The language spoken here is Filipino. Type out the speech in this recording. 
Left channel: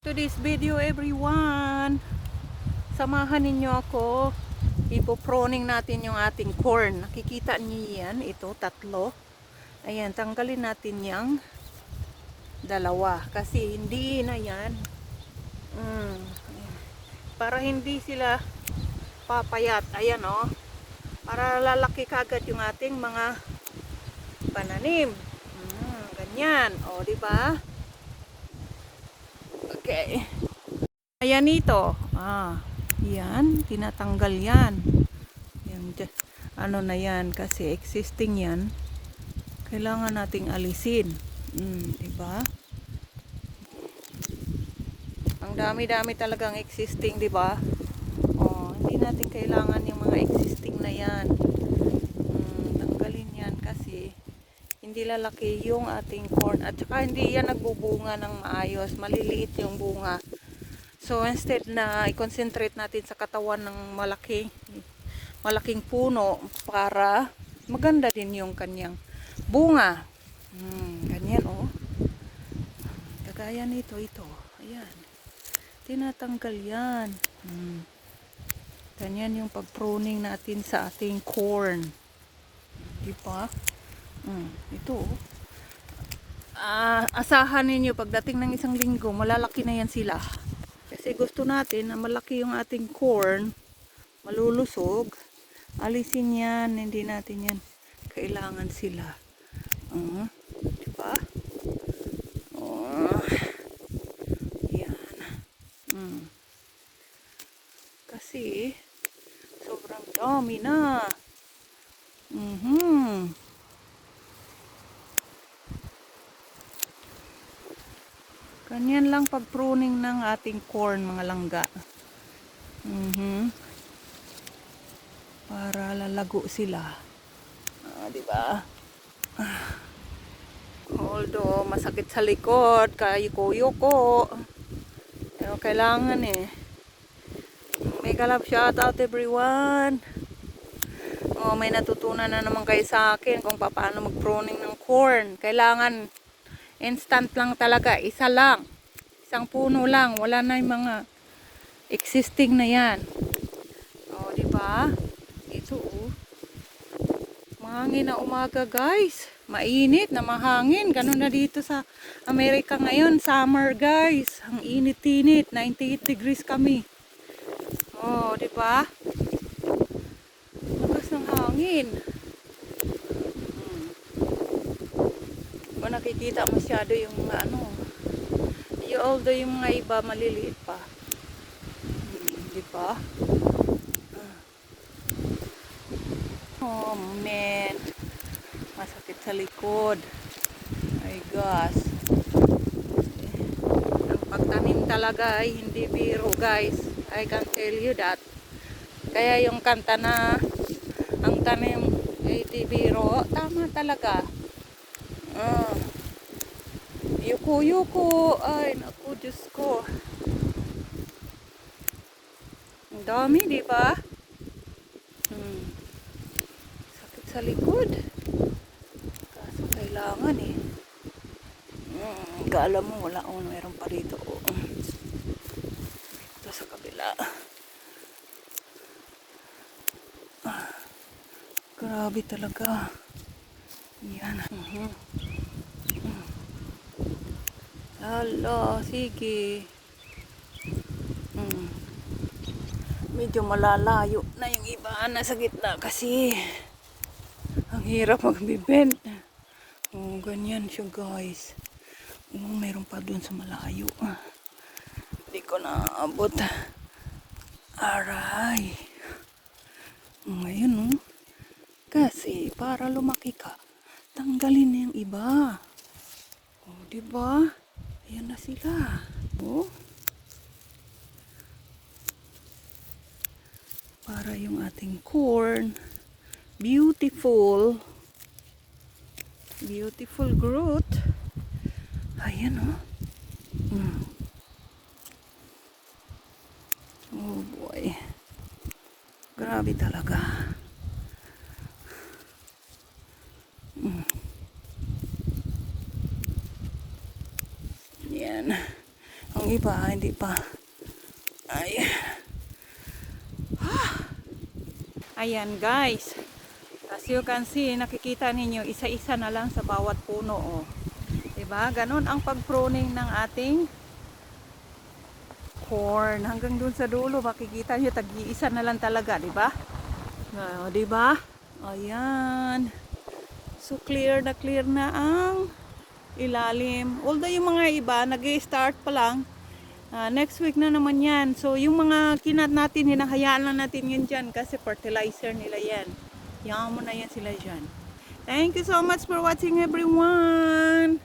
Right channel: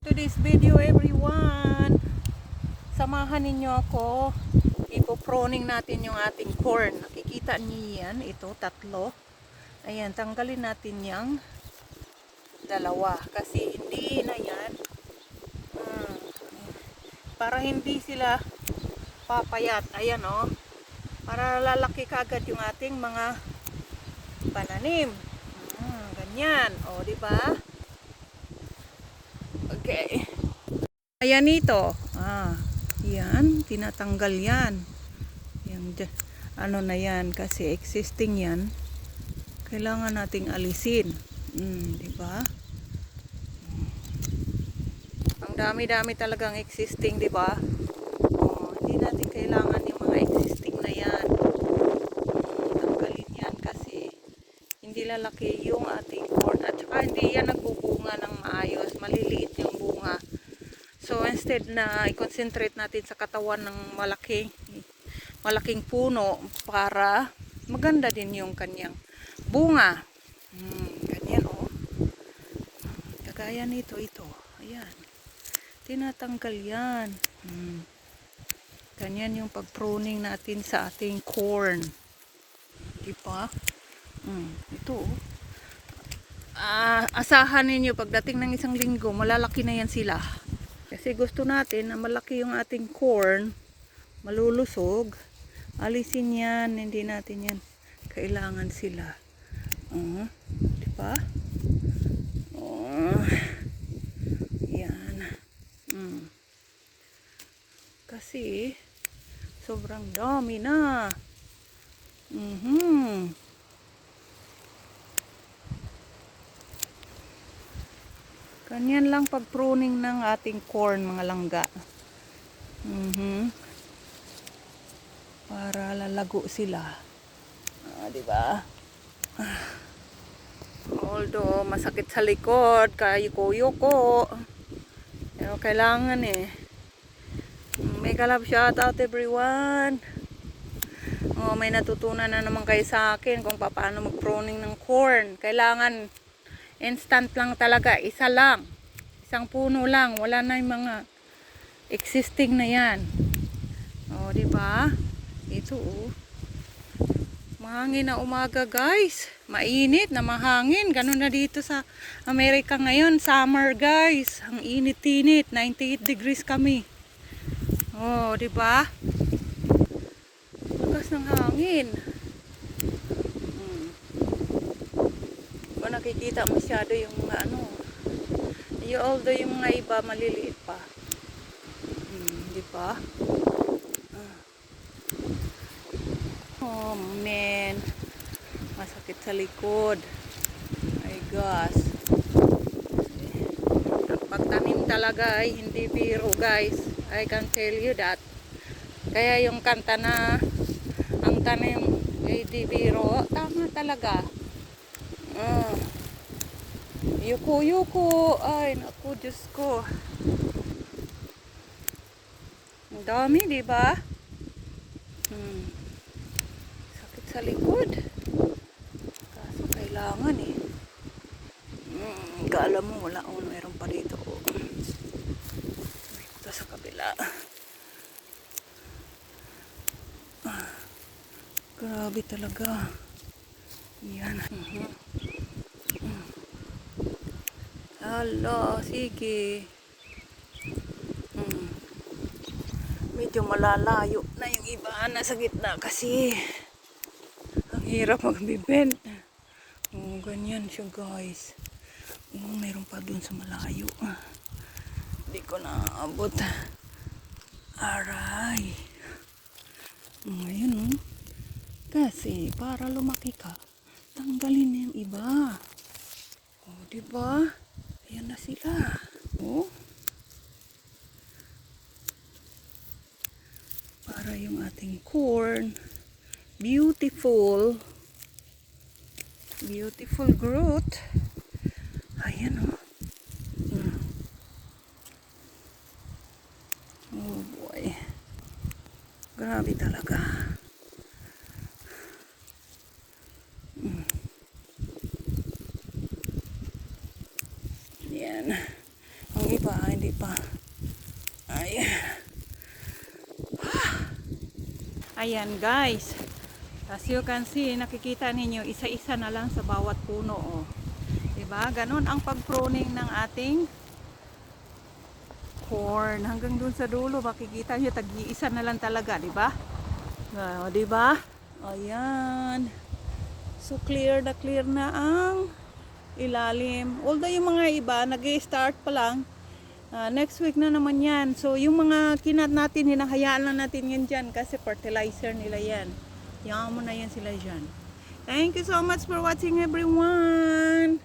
To this video everyone, samahan ninyo ako. Ipoproning natin yung ating corn. Nakikita niyo yan, ito tatlo. Ayan, tanggalin natin yung dalawa kasi hindi na yan para hindi sila papayat. Ayan o, para lalaki kagad yung ating mga pananim. Ganyan o, diba? Okay. Ayan ito. Yan. Tinatanggal yan. Yan. Ano na yan. Kasi existing yan. Kailangan nating alisin. Diba? Ang dami-dami talagang existing, diba? Hindi natin kailangan yung mga existing na yan. Tanggalin yan kasi hindi lalaki yung ating corn. At saka hindi yan nagbubunga ng maayos. Maliliit yung bunga. So instead na i-concentrate natin sa katawan ng malaking puno para maganda din yung kanyang bunga. Ganyan o. Kagaya nito, ito. Ayan. Tinatanggal yan. Ganyan yung pag-pruning natin sa ating corn. Diba? Ito o. Asahan ninyo pagdating ng isang linggo, malalaki na yan sila. Kasi gusto natin na malaki yung ating corn, malulusog. Alisin yan, hindi natin yan. Kailangan sila. Diba? Yan. Kasi, sobrang dami na. Ganyan lang pag-pruning ng ating corn, mga langga. Para lalago sila. Diba? Although masakit sa likod, kayuko-yuko. Pero kailangan eh. Mega love shout out everyone. May natutunan na naman kayo sa akin kung paano mag-pruning ng corn. Kailangan instant lang talaga, isa lang. Isang puno lang, wala na yung mga existing na yan. Diba? Ito mahangin na umaga guys. Mainit na mahangin. Ganun na dito sa Amerika ngayon. Summer guys. Ang init-init. 98 degrees kami. Diba? Lakas ng hangin. Ba nakikita masyado yung mga although yung mga iba maliliit pa. Diba? Oh man, masakit sa likod. My gosh. Ang pagtanim talaga ay hindi biro guys. I can tell you that. Kaya yung kanta na ang tanim ay hindi biro, tama talaga. Yuko. Ay, naku, Diyos ko. Ang dami, diba? Sakit sa likod. Kaso kailangan eh. Kala mo, wala. Meron pa dito. Ito sa kabila. Grabe talaga. Yan. Hala, sige. Medyo malalayo na yung iba nasa gitna kasi ang hirap magbibend. Ganyan siya guys. Meron pa dun sa malayo. Hindi ko naabot. Aray. Ngayon kasi para lumaki ka, tanggalin na yung iba. Diba? Ayan na sila. Para yung ating corn beautiful growth. Ayan oh boy, grabe talaga. Yan ang iba pa, hindi pa. Ay. Ayan guys. As you can see, nakikita ninyo, isa-isa na lang sa bawat puno. Oh. Diba? Ganon ang pag-pruning ng ating corn. Hanggang dun sa dulo, makikita nyo, tag-iisa na lang talaga. Diba? Diba? Ayan. So, clear na ang ilalim. Although yung mga iba, nag-i-start pa lang. Next week na naman yan. So, yung mga kinat natin, hinahayaan lang natin yun dyan kasi fertilizer nila yan. Hayaan mo na yan sila dyan. Thank you so much for watching everyone.